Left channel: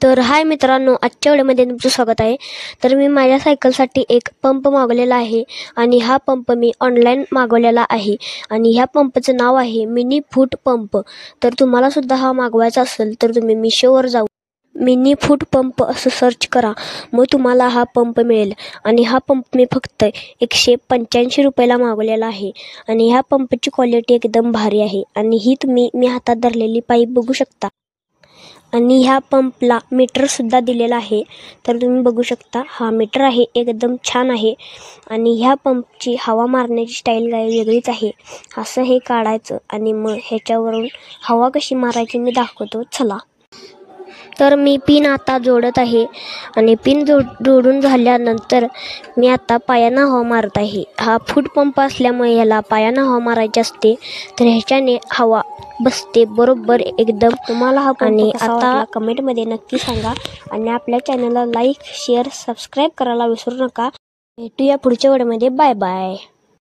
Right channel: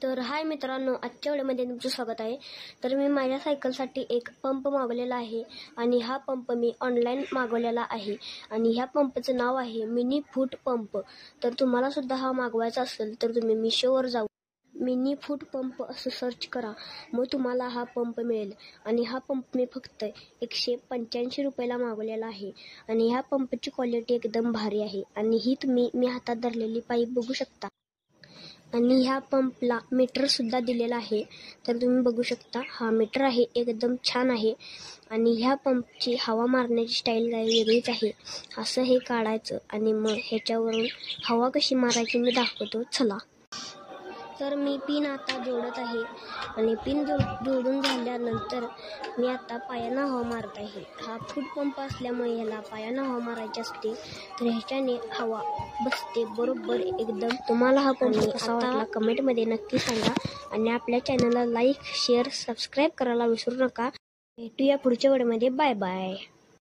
तर हाय मित्रांनो, आजच्या व्हिडिओमध्ये तुमचं स्वागत आहे। तर मी माझ्या सायकलसाठी एक पंप मागवलेला आहे आणि हा पंप मी ऑनलाईन मागवलेला आहे आणि ह्या पंपचं नाव आहे मिनी फूट पंप। तर तुम्हाला सुद्धा हा मागवायचा असेल तर तुम्ही मिशोवर जाऊ मिनी फूट पंप असं सर्च करा, मग तुम्हाला हा पंप मिळेल। आणि हा पंप मी फक्त 185 रुपयाला मागवलेला आहे आणि ह्या पंपची क्वालिटी एकदम भारी आहे आणि ही मी हातात धरलेली पाईप बघू शकता आणि ह्या पंपला मीटर सुद्धा दिलेला आहे। तर तुम्ही बघू शकता, हा मीटर आहे, एकदम छान आहे आणि ह्या पंपची हवा मारण्याची स्टाईल काय वेगळीच आहे। असं हे काढायचं आणि मग ह्याच्यावरून हवा कशी मारायची मी दाखवतो, चला। तर मी पिन आता जोडत आहे आणि पिन जोडून झाल्यानंतर मी आता पायानं हवा मारत आहे। हा फूट पंप असल्यामुळे ह्याला पायानं हवा मारायची असते, तर ह्याच्याने हवा बसते बरोबर एकदम। तुम्हाला हा पंप कसा वाटला कमेंटमध्ये नक्की सांगा आणि आपल्या चॅनलला लाईक शेअर सबस्क्राईब करायला विसरू नका। भेटूया पुढच्या व्हिडिओमध्ये, बाय बाय।